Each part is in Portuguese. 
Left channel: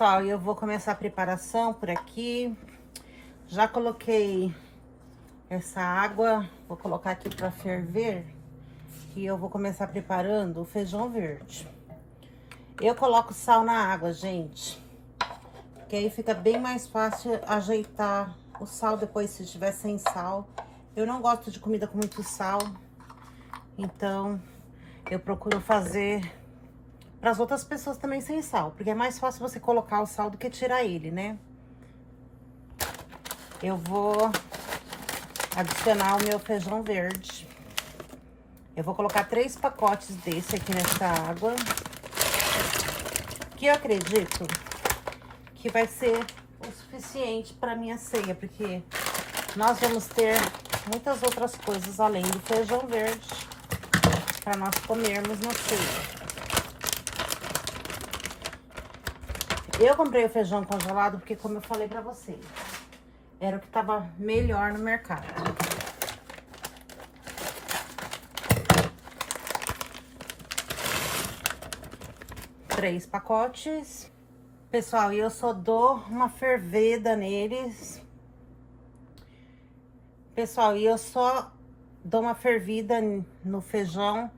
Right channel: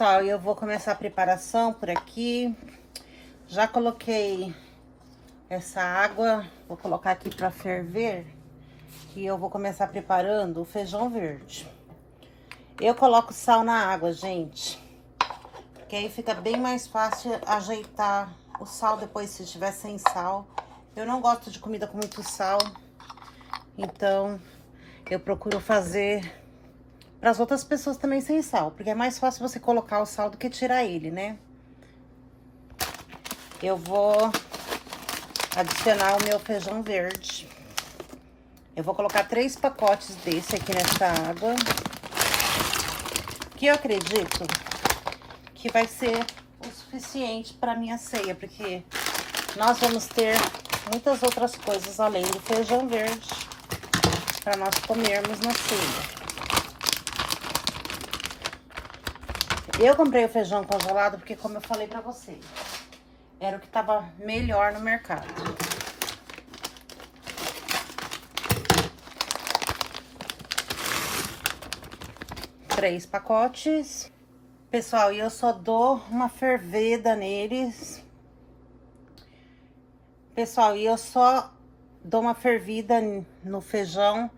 Pessoal, eu vou começar a preparação por aqui. Já coloquei essa água, vou colocar aqui para ferver. E eu vou começar preparando o feijão verde. Eu coloco sal na água, gente, porque aí fica bem mais fácil ajeitar o sal depois se estiver sem sal. Eu não gosto de comida com muito sal, então eu procuro fazer para as outras pessoas também sem sal, porque é mais fácil você colocar o sal do que tirar ele, né? Eu vou adicionar o meu feijão verde. Eu vou colocar 3 pacotes desse aqui nessa água, que eu acredito que vai ser o suficiente para minha ceia, porque nós vamos ter muitas outras coisas além do feijão verde para nós comermos na ceia. Eu comprei o feijão congelado porque, como eu falei pra vocês, era o que tava melhor no mercado. Três pacotes. Pessoal, e eu só dou uma fervida neles. Pessoal, e eu só dou uma fervida no feijão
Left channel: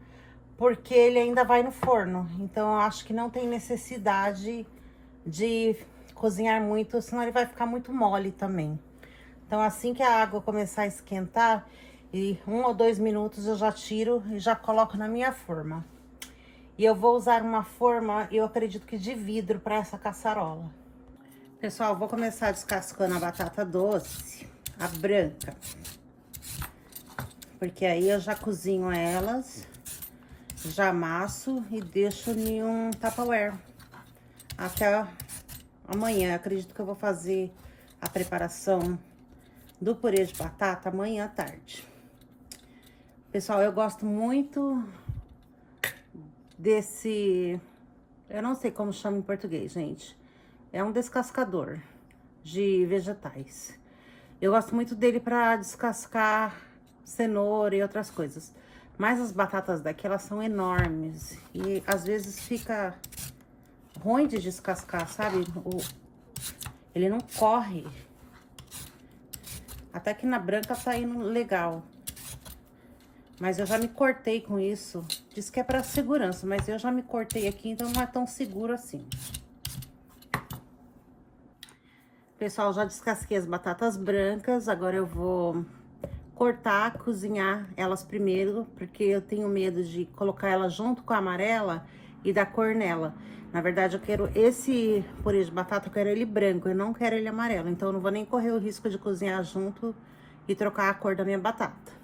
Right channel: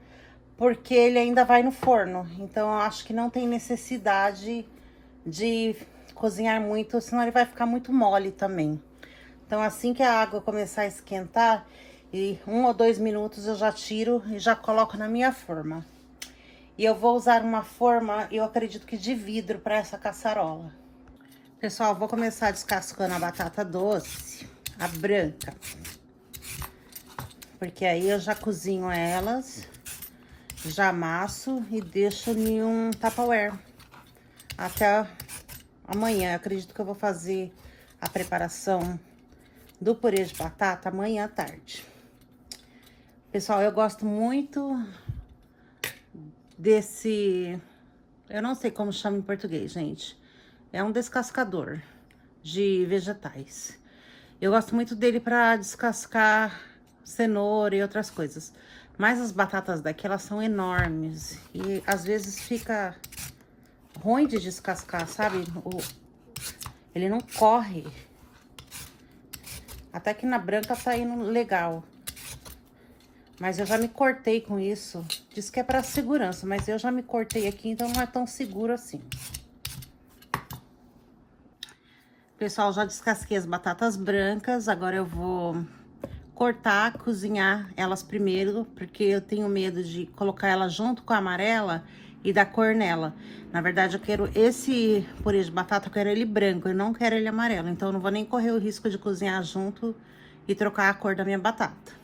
porque ele ainda vai no forno. Então, eu acho que não tem necessidade de cozinhar muito, senão ele vai ficar muito mole também. Então, assim que a água começar a esquentar, e 1 ou 2 minutos eu já tiro e já coloco na minha forma. E eu vou usar uma forma, eu acredito que de vidro, para essa caçarola. Pessoal, vou começar descascando a batata doce, a branca. Porque aí eu já cozinho elas, já amasso e deixo em um Tupperware. Até amanhã. Eu acredito que eu vou fazer a preparação do purê de batata amanhã à tarde. Pessoal, eu gosto muito desse... Eu não sei como chama em português, gente. É um descascador de vegetais. Eu gosto muito dele para descascar cenoura e outras coisas. Mas as batatas daqui, elas são enormes. E às vezes fica ruim de descascar, sabe? Ele não corre. Até que na branca tá indo legal. Mas eu já me cortei com isso. Diz que é pra segurança, mas eu já me cortei aqui, então não é tão seguro assim. Pessoal, já descasquei as batatas brancas. Agora eu vou cortar, cozinhar elas primeiro, porque eu tenho medo de colocar ela junto com a amarela e dar cor nela. Na verdade, eu quero esse purê de batata, eu quero ele branco, eu não quero ele amarelo. Então, eu não vou nem correr o risco de cozinhar junto e trocar a cor da minha batata.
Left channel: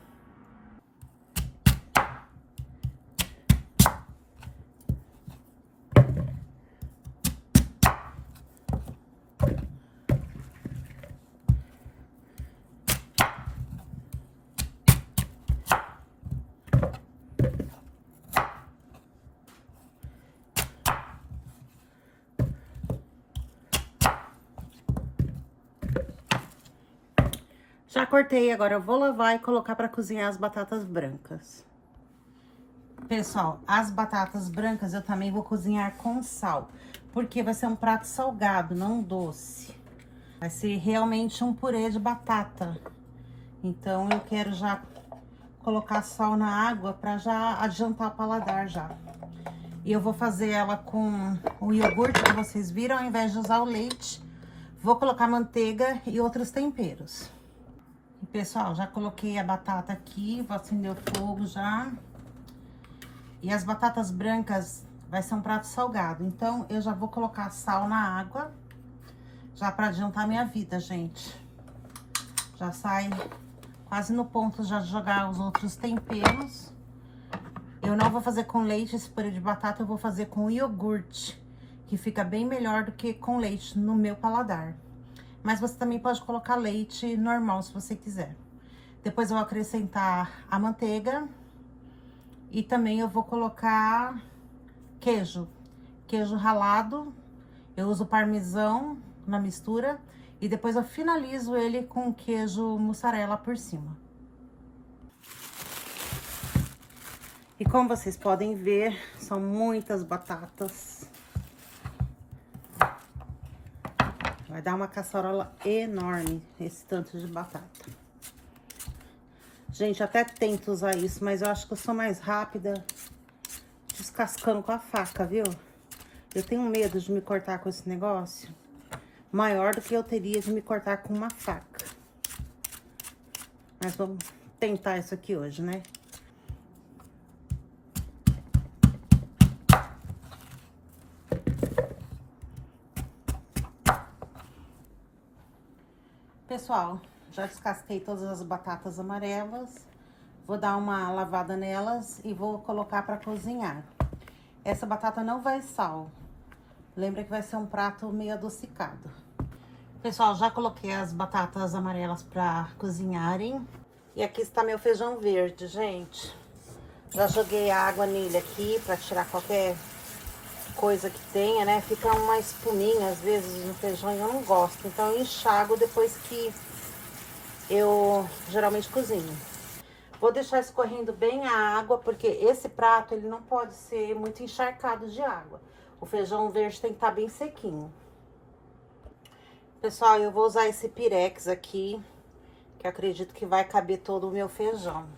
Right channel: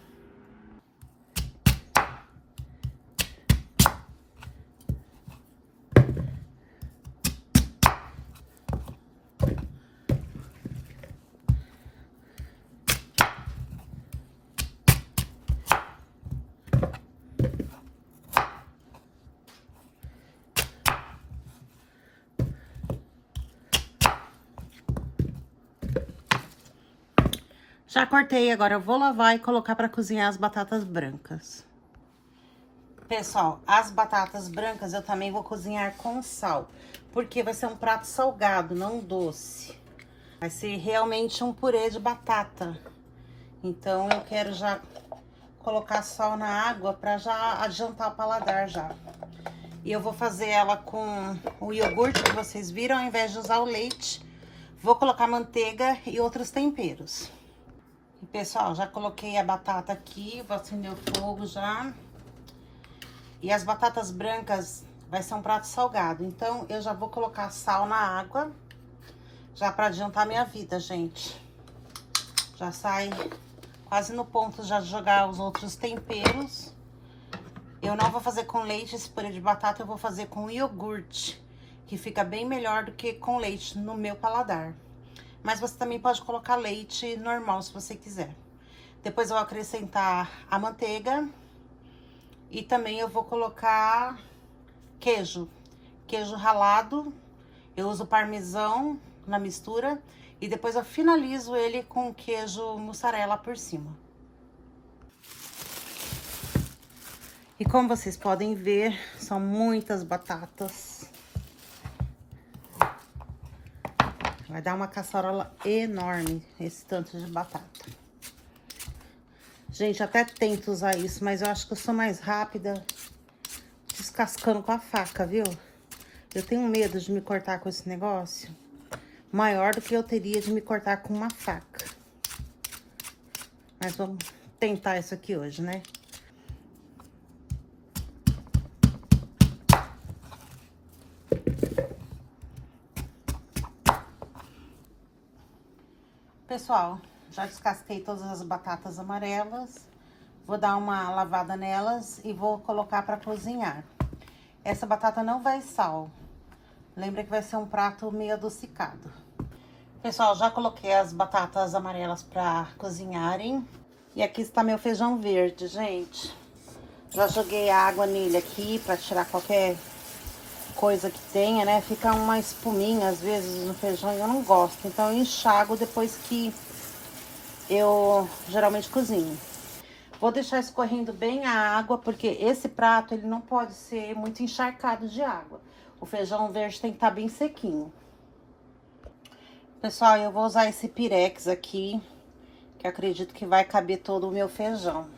Já cortei, agora eu vou lavar e colocar para cozinhar as batatas brancas. Pessoal, as batatas brancas eu também vou cozinhar com sal, porque vai ser um prato salgado, não doce. Vai ser realmente um purê de batata. Então, eu quero já colocar sal na água para já adiantar o paladar já. E eu vou fazer ela com o iogurte que vocês viram, ao invés de usar o leite. Vou colocar manteiga e outros temperos. E, pessoal, já coloquei a batata aqui, vou acender o fogo já. E as batatas brancas vai ser um prato salgado, então eu já vou colocar sal na água, já para adiantar minha vida, gente. Já sai quase no ponto já de jogar os outros temperos. Eu não vou fazer com leite esse purê de batata, eu vou fazer com iogurte, que fica bem melhor do que com leite no meu paladar. Mas você também pode colocar leite normal, se você quiser. Depois eu vou acrescentar a manteiga. E também eu vou colocar queijo ralado. Eu uso parmesão na mistura. E depois eu finalizo ele com queijo mussarela por cima. E como vocês podem ver, são muitas batatas. Vai dar uma caçarola enorme esse tanto de batata. Gente, até tento usar isso, mas eu acho que eu sou mais rápida descascando com a faca, viu? Eu tenho medo de me cortar com esse negócio maior do que eu teria de me cortar com uma faca. Mas vamos tentar isso aqui hoje, né? Pessoal, já descasquei todas as batatas amarelas. Vou dar uma lavada nelas e vou colocar para cozinhar. Essa batata não vai sal. Lembra que vai ser um prato meio adocicado. Pessoal, já coloquei as batatas amarelas para cozinharem. E aqui está meu feijão verde, gente. Já joguei água nele aqui para tirar qualquer coisa que tenha, né? Fica uma espuminha às vezes no feijão e eu não gosto. Então eu enxago depois que eu geralmente cozinho. Vou deixar escorrendo bem a água, porque esse prato ele não pode ser muito encharcado de água. O feijão verde tem que estar bem sequinho. Pessoal, eu vou usar esse pirex aqui, que acredito que vai caber todo o meu feijão.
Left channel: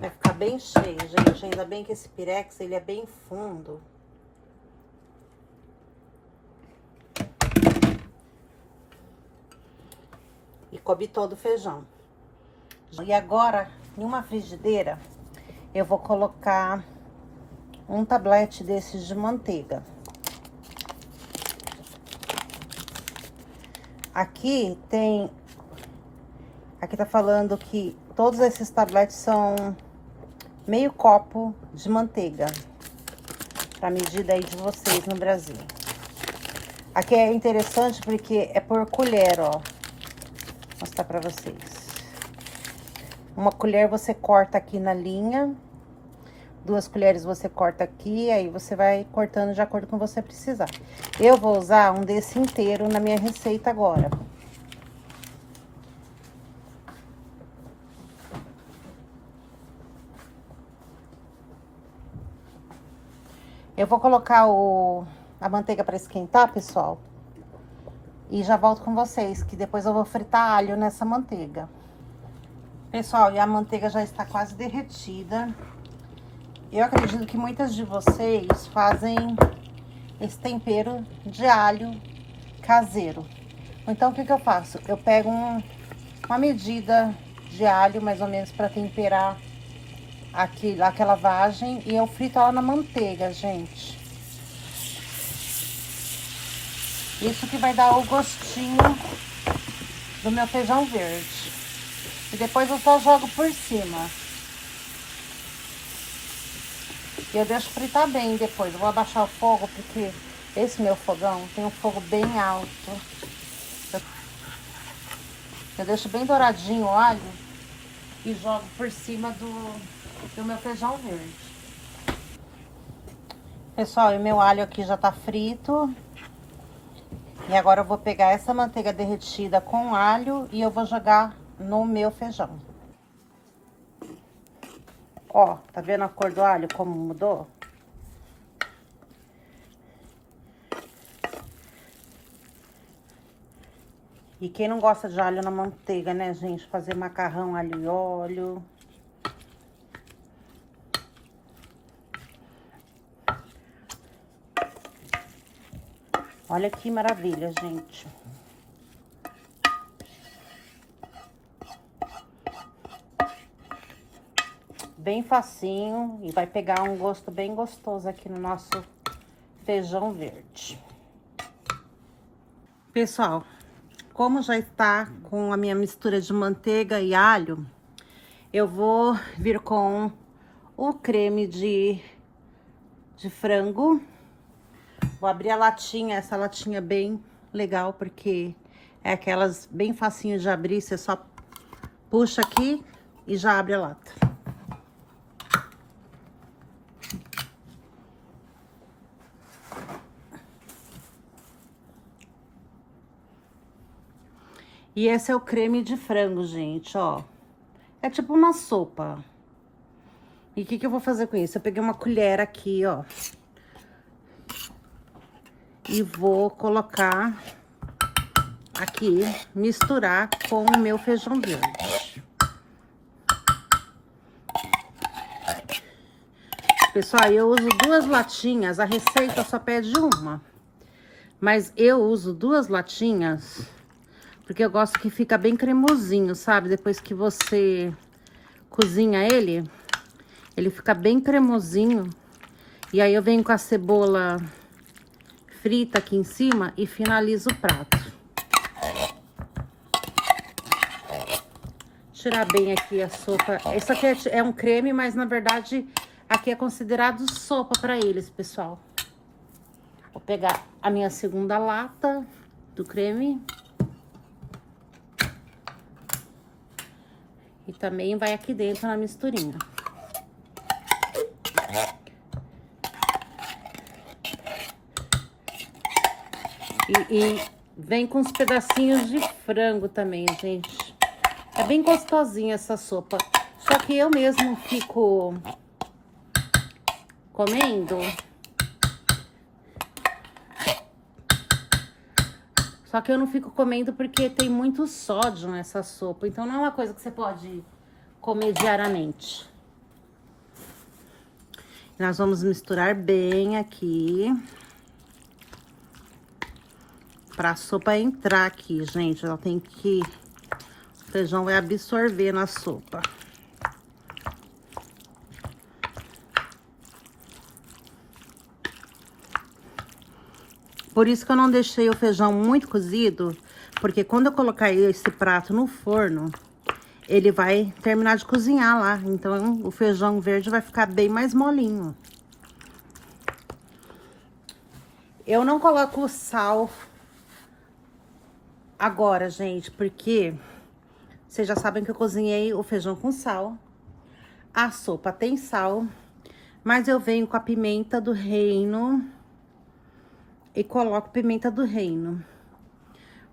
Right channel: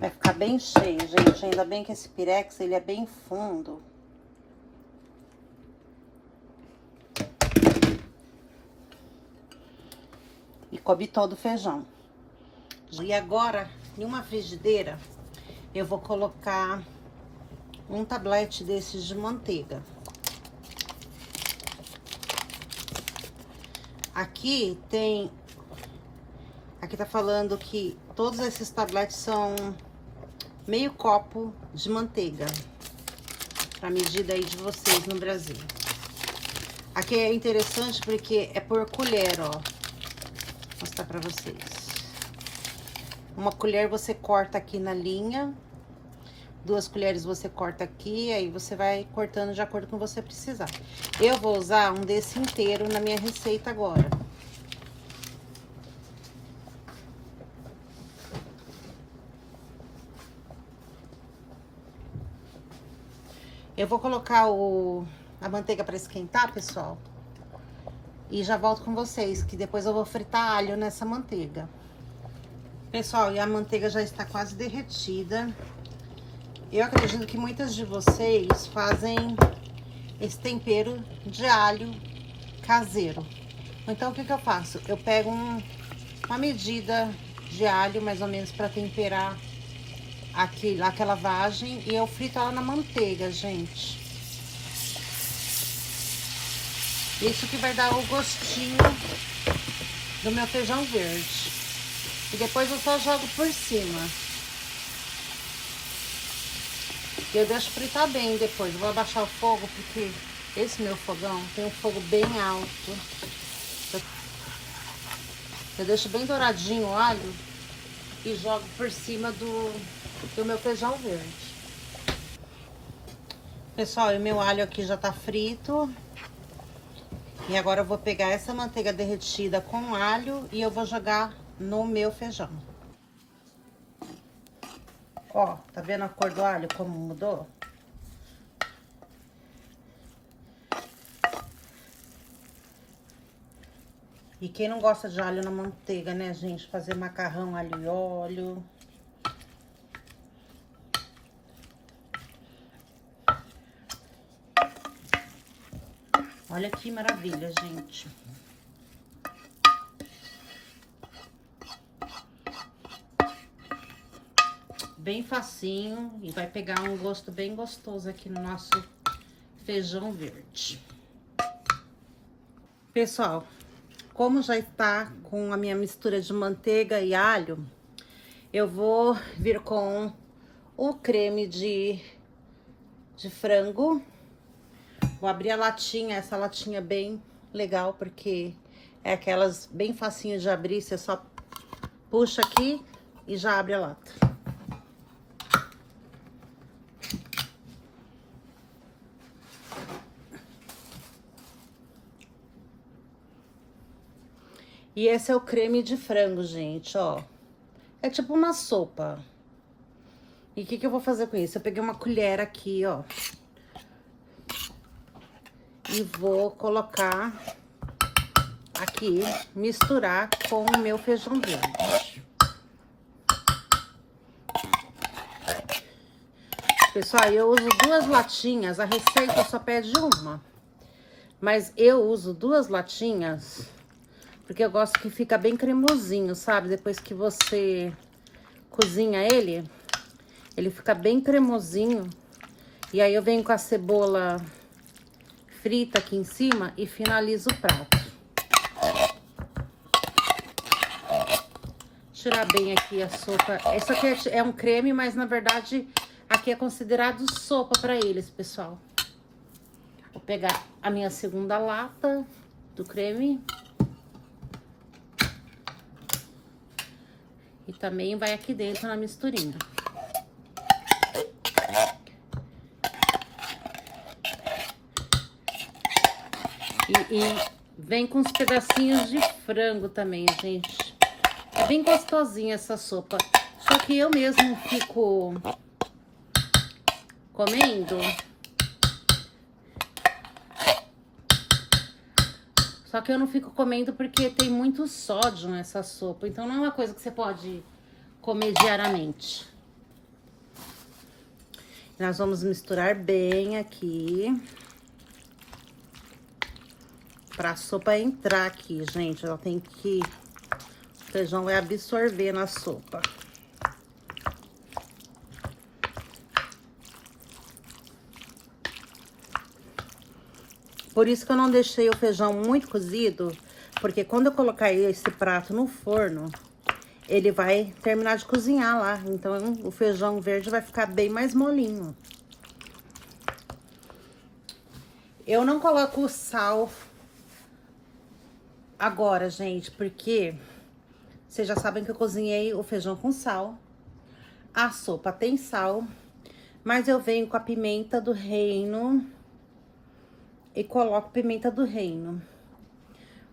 Vai ficar bem cheio, gente. Ainda bem que esse pirex ele é bem fundo. E coube todo o feijão. E agora, em uma frigideira, eu vou colocar um tablete desses de manteiga. Aqui tem... Aqui tá falando que todos esses tabletes são meio copo de manteiga. Pra medida aí de vocês no Brasil. Aqui é interessante porque é por colher, ó. Vou mostrar pra vocês. Uma colher você corta aqui na linha. 2 colheres você corta aqui, aí você vai cortando de acordo com o que você precisar. Eu vou usar um desse inteiro na minha receita agora. Eu vou colocar a manteiga para esquentar, pessoal. E já volto com vocês, que depois eu vou fritar alho nessa manteiga. Pessoal, e a manteiga já está quase derretida. Eu acredito que muitas de vocês fazem esse tempero de alho caseiro. Então, o que eu faço? Eu pego uma medida de alho, mais ou menos, para temperar aquela vagem, e eu frito ela na manteiga, gente. Isso que vai dar o gostinho do meu feijão verde. E depois eu só jogo por cima. Eu deixo fritar bem depois. Eu vou abaixar o fogo, porque esse meu fogão tem um fogo bem alto. Eu deixo bem douradinho o alho e jogo por cima do meu feijão verde. Pessoal, o meu alho aqui já tá frito. E agora eu vou pegar essa manteiga derretida com alho e eu vou jogar no meu feijão. Ó, tá vendo a cor do alho como mudou? E quem não gosta de alho na manteiga, né, gente? Fazer macarrão, alho e óleo. Olha que maravilha, gente. Bem facinho e vai pegar um gosto bem gostoso aqui no nosso feijão verde. Pessoal, como já está com a minha mistura de manteiga e alho, eu vou vir com o creme de frango. Vou abrir a latinha, essa latinha bem legal, porque é aquelas bem facinho de abrir, você só puxa aqui e já abre a lata. E esse é o creme de frango, gente, ó. É tipo uma sopa. E o que eu vou fazer com isso? Eu peguei uma colher aqui, ó. E vou colocar aqui misturar com o meu feijão verde. Pessoal, eu uso 2 latinhas, a receita só pede uma. Mas eu uso 2 latinhas, porque eu gosto que fica bem cremosinho, sabe? Depois que você cozinha ele, ele fica bem cremosinho. E aí eu venho com a cebola frita aqui em cima e finalizo o prato. Tirar bem aqui a sopa. Esse aqui é um creme, mas na verdade aqui é considerado sopa para eles, pessoal. Vou pegar a minha segunda lata do creme. E também vai aqui dentro na misturinha. E vem com uns pedacinhos de frango também, gente. É bem gostosinha essa sopa. Só que eu mesmo fico comendo. Só que eu não fico comendo porque tem muito sódio nessa sopa. Então não é uma coisa que você pode comer diariamente. Nós vamos misturar bem aqui. Pra sopa entrar aqui, gente. Ela tem que... O feijão vai absorver na sopa. Por isso que eu não deixei o feijão muito cozido, porque quando eu colocar esse prato no forno, ele vai terminar de cozinhar lá. Então, o feijão verde vai ficar bem mais molinho. Eu não coloco sal agora, gente, porque vocês já sabem que eu cozinhei o feijão com sal. A sopa tem sal, mas eu venho com a pimenta do reino e coloco pimenta do reino.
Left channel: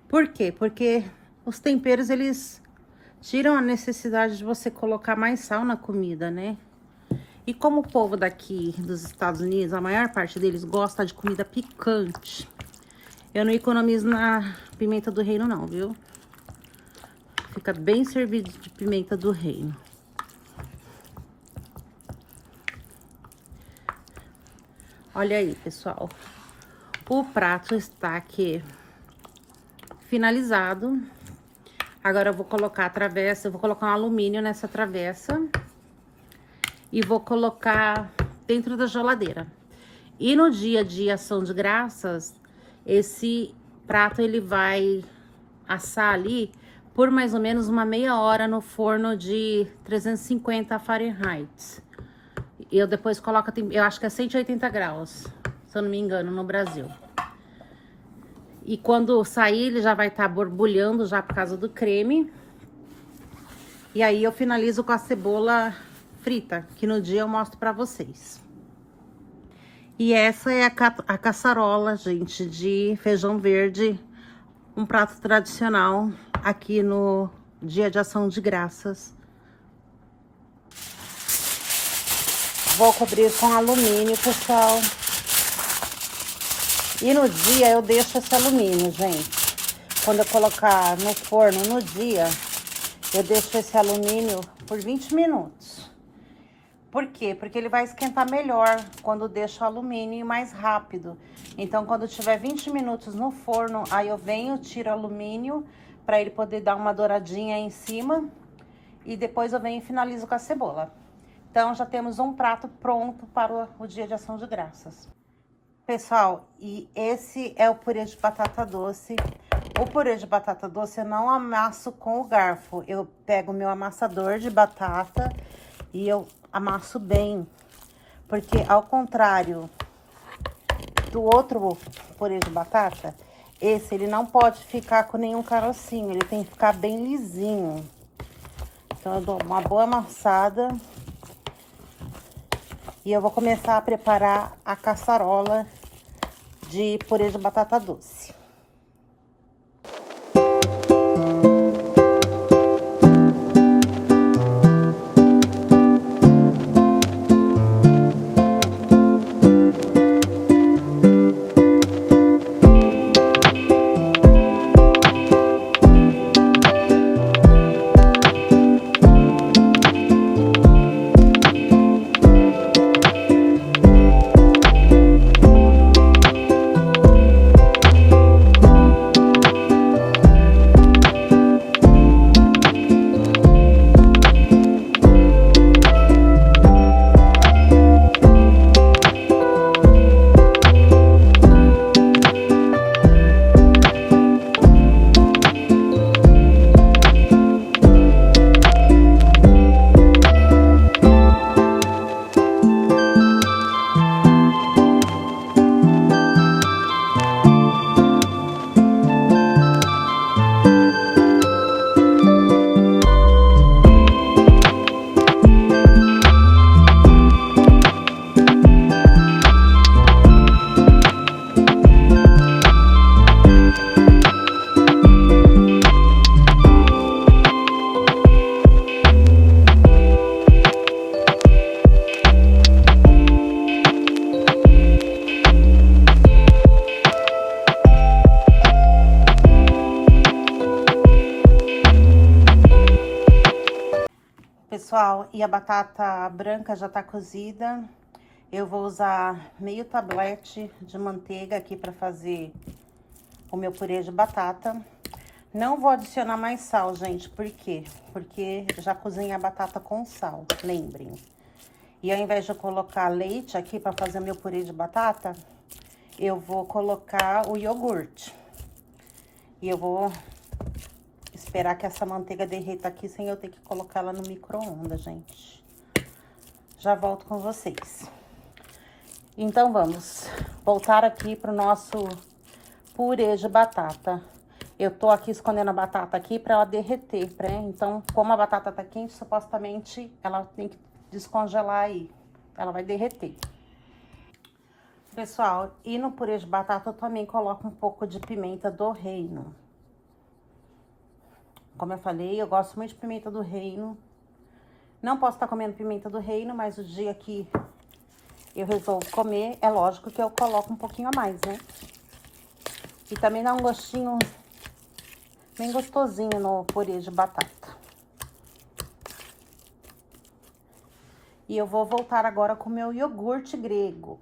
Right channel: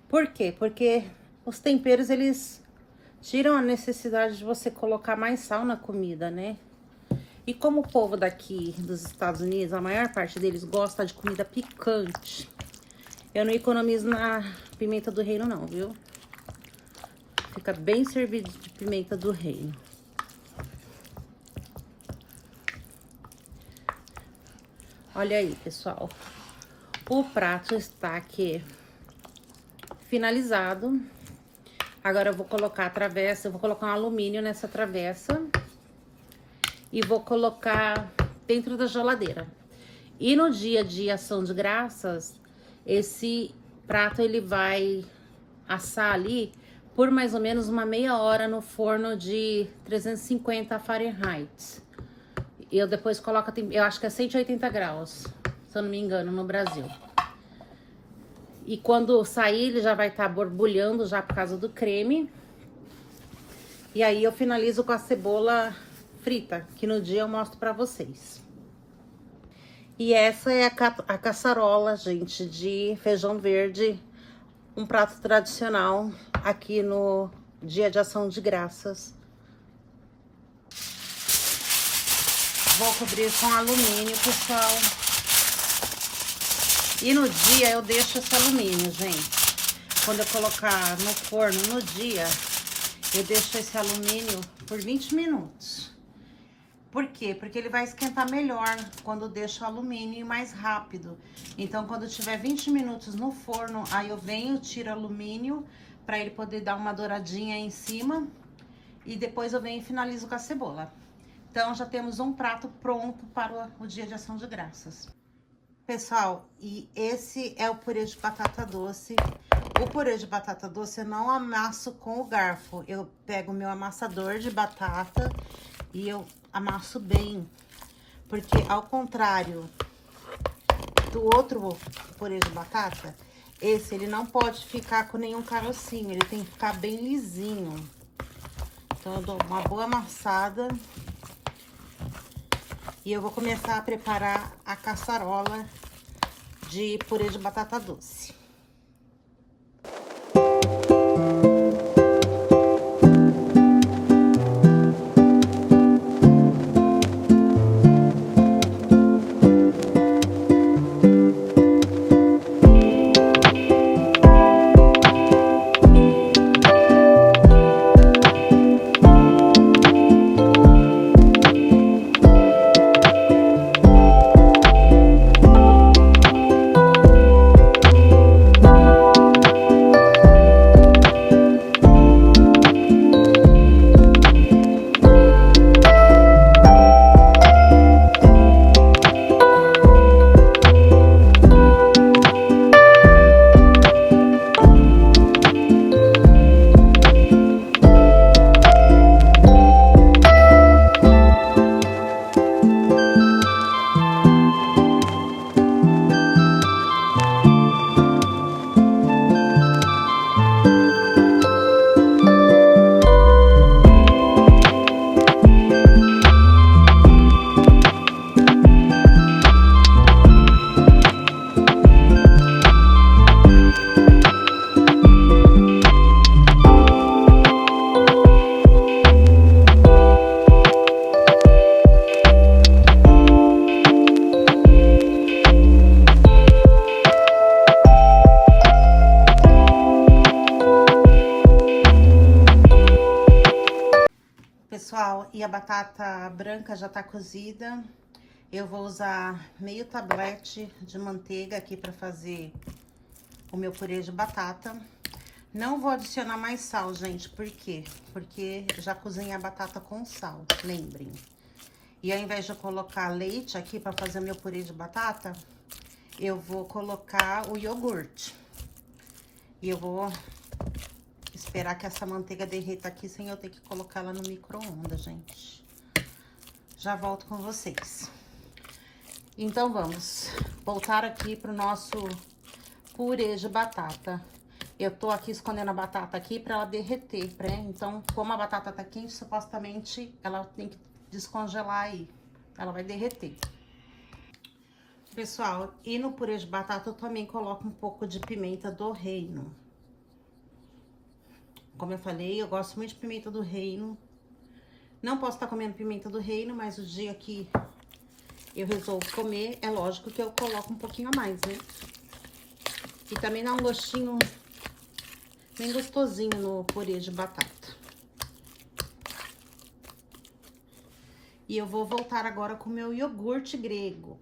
Por quê? Porque os temperos, eles tiram a necessidade de você colocar mais sal na comida, né? E como o povo daqui dos Estados Unidos, a maior parte deles gosta de comida picante, eu não economizo na pimenta do reino não, viu? Fica bem servido de pimenta do reino. Olha aí, pessoal. O prato está aqui finalizado. Agora eu vou colocar a travessa, eu vou colocar um alumínio nessa travessa e vou colocar dentro da geladeira. E no dia de ação de graças, esse prato ele vai assar ali por mais ou menos uma meia hora no forno de 350 Fahrenheit. Eu depois coloco, eu acho que é 180 graus, se eu não me engano, no Brasil. E quando sair, ele já vai estar borbulhando já por causa do creme. E aí eu finalizo com a cebola frita, que no dia eu mostro pra vocês. E essa é a caçarola, gente, de feijão verde. Um prato tradicional aqui no Dia de Ação de Graças. Vou cobrir com alumínio, pessoal. E no dia eu deixo esse alumínio, gente. Quando eu colocar no forno no dia, eu deixo esse alumínio por 20 minutos. Por quê? Porque ele vai esquentar melhor quando deixa o alumínio mais rápido. Então, quando tiver 20 minutos no forno, aí eu venho, tiro o alumínio para ele poder dar uma douradinha em cima. E depois eu venho e finalizo com a cebola. Então, já temos um prato pronto para o Dia de Ação de Graças. Pessoal, e esse é o purê de batata doce. O purê de batata doce eu não amasso com o garfo. Eu pego o meu amassador de batata e eu amasso bem. Porque ao contrário do outro purê de batata, esse ele não pode ficar com nenhum carocinho. Ele tem que ficar bem lisinho. Então eu dou uma boa amassada. E eu vou começar a preparar a caçarola de purê de batata doce. Pessoal, e a batata branca já tá cozida. Eu vou usar meio tablete de manteiga aqui pra fazer o meu purê de batata. Não vou adicionar mais sal, gente. Por quê? Porque já cozinhei a batata com sal, lembrem. E ao invés de eu colocar leite aqui pra fazer meu purê de batata, eu vou colocar o iogurte. E eu vou esperar que essa manteiga derreta aqui sem eu ter que colocar ela no micro-ondas, gente. Já volto com vocês. Então, vamos voltar aqui pro nosso purê de batata. Eu tô aqui escondendo a batata aqui pra ela derreter, né? Então, como a batata tá quente, supostamente ela tem que descongelar aí. Ela vai derreter. Pessoal, e no purê de batata eu também coloco um pouco de pimenta do reino. Como eu falei, eu gosto muito de pimenta do reino. Não posso estar comendo pimenta do reino, mas o dia que eu resolvo comer, é lógico que eu coloco um pouquinho a mais, né? E também dá um gostinho bem gostosinho no purê de batata. E eu vou voltar agora com o meu iogurte grego.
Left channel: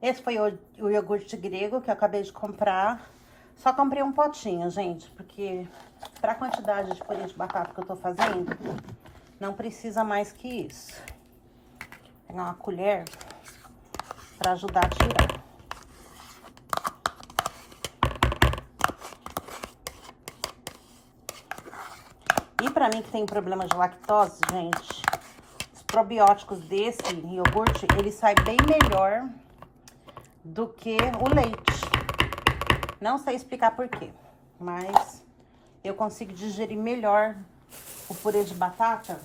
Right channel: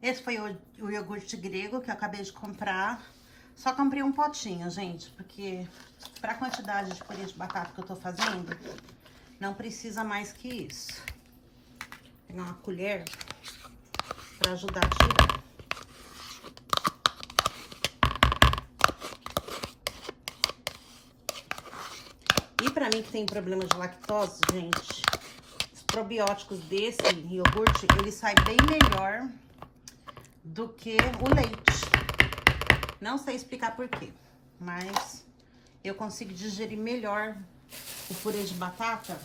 Esse foi o iogurte grego que eu acabei de comprar. Só comprei um potinho, gente, porque pra quantidade de purê de batata que eu tô fazendo, não precisa mais que isso. Vou pegar uma colher pra ajudar a tirar. E pra mim que tem problema de lactose, gente, os probióticos desse iogurte, ele sai bem melhor do que o leite. Não sei explicar por quê, mas eu consigo digerir melhor o purê de batata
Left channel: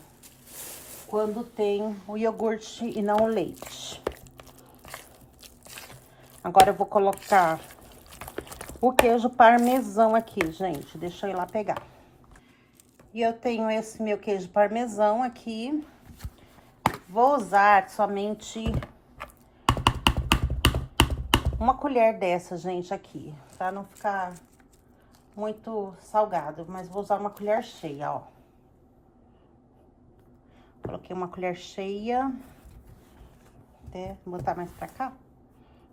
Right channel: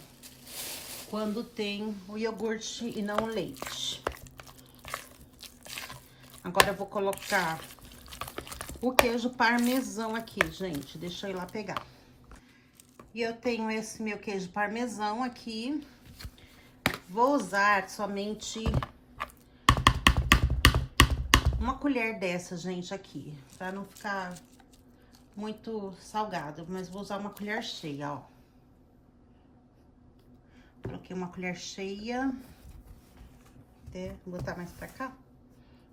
quando tem o iogurte e não o leite. Agora eu vou colocar o queijo parmesão aqui, gente. Deixa eu ir lá pegar. E eu tenho esse meu queijo parmesão aqui. Vou usar somente uma colher dessa, gente, aqui. Pra não ficar muito salgado. Mas vou usar uma colher cheia, ó. Coloquei uma colher cheia. Vou botar mais pra cá.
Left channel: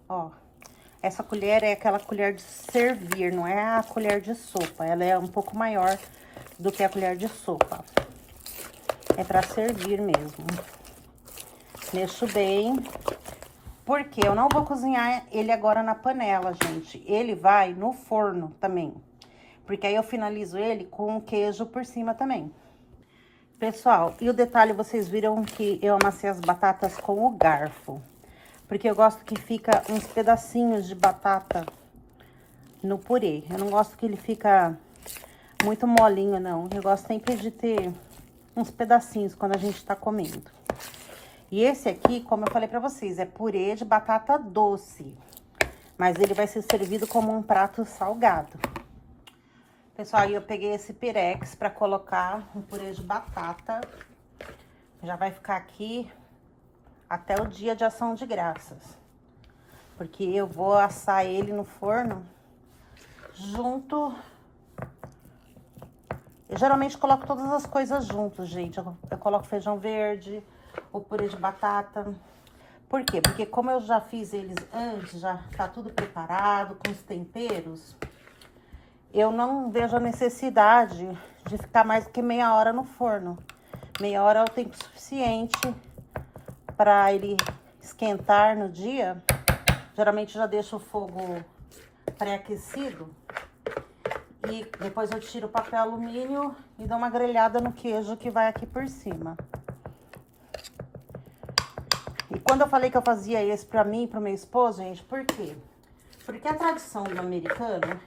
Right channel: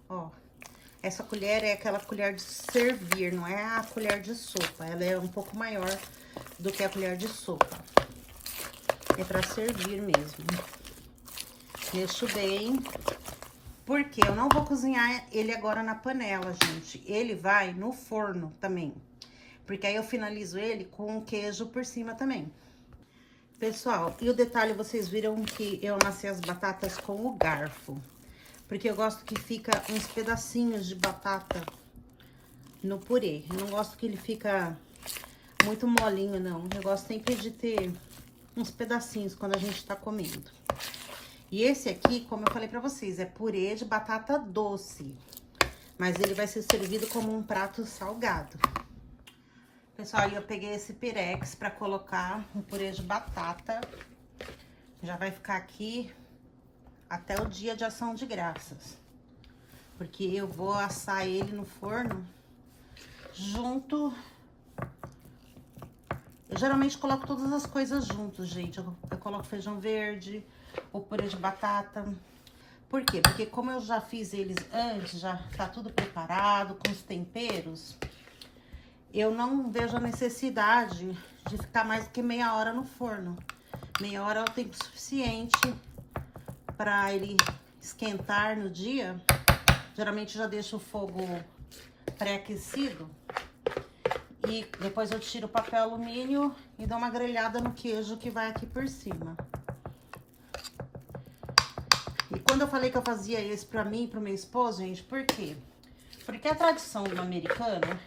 Ó, essa colher é aquela colher de servir, não é a colher de sopa. Ela é um pouco maior do que a colher de sopa. É pra servir mesmo. Mexo bem, porque eu não vou cozinhar ele agora na panela, gente. Ele vai no forno também, porque aí eu finalizo ele com queijo por cima também. Pessoal, e o detalhe, vocês viram que eu amassei as batatas com o garfo. Porque eu gosto que fica uns pedacinhos de batata no purê. Eu não gosto que ele fica muito molinho, não. Eu gosto sempre de ter uns pedacinhos quando a gente tá comendo. E esse aqui, como eu falei pra vocês, é purê de batata doce. Mas ele vai ser servido como um prato salgado. Pessoal, aí eu peguei esse pirex pra colocar um purê de batata. Já vai ficar aqui até o dia de ação de graças. Porque eu vou assar ele no forno junto. Eu geralmente coloco todas as coisas juntos, gente. Eu coloco feijão verde, o purê de batata. Por quê? Porque como eu já fiz eles antes, já tá tudo preparado, com os temperos, eu não vejo a necessidade de ficar mais do que meia hora no forno. Meia hora é o tempo suficiente para ele esquentar no dia. Geralmente já deixo o fogo pré-aquecido. E depois eu tiro o papel alumínio e dou uma grelhada no queijo que vai aqui por cima. E quando eu falei que eu fazia esse pra mim e pro meu esposo, gente, por quê? Porque a tradição do americano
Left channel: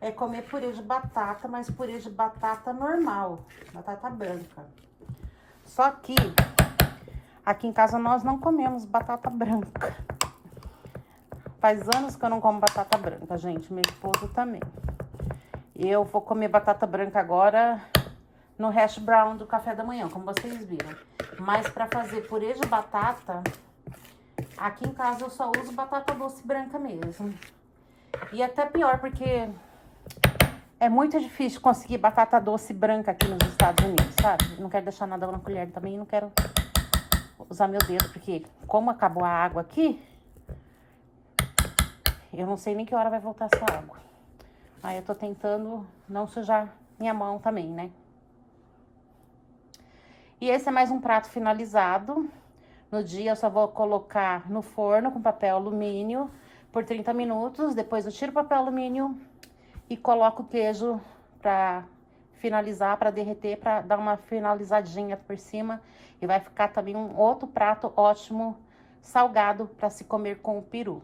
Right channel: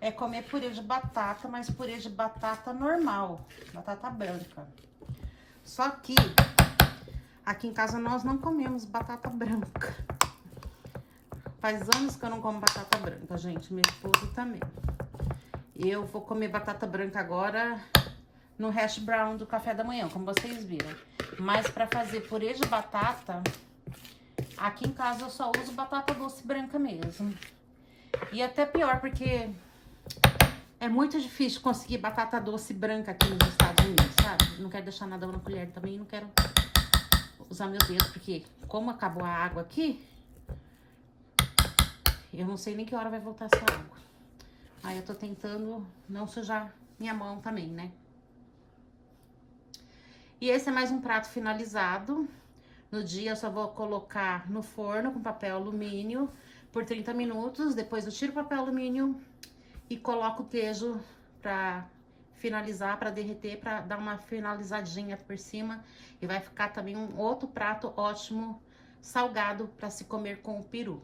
é comer purê de batata, mas purê de batata normal, batata branca. Só que aqui em casa nós não comemos batata branca. Faz anos que eu não como batata branca, gente. Meu esposo também. Eu vou comer batata branca agora no hash brown do café da manhã, como vocês viram. Mas pra fazer purê de batata, aqui em casa eu só uso batata doce branca mesmo. E até pior, porque é muito difícil conseguir batata doce branca aqui nos Estados Unidos, sabe? Não quero deixar nada na colher também, não quero usar meu dedo, porque como acabou a água aqui, eu não sei nem que hora vai voltar essa água. Aí eu tô tentando não sujar minha mão também, né? E esse é mais um prato finalizado. No dia eu só vou colocar no forno com papel alumínio por 30 minutos. Depois eu tiro o papel alumínio e coloco o queijo pra finalizar, pra derreter, pra dar uma finalizadinha por cima. E vai ficar também um outro prato ótimo, salgado, pra se comer com o peru.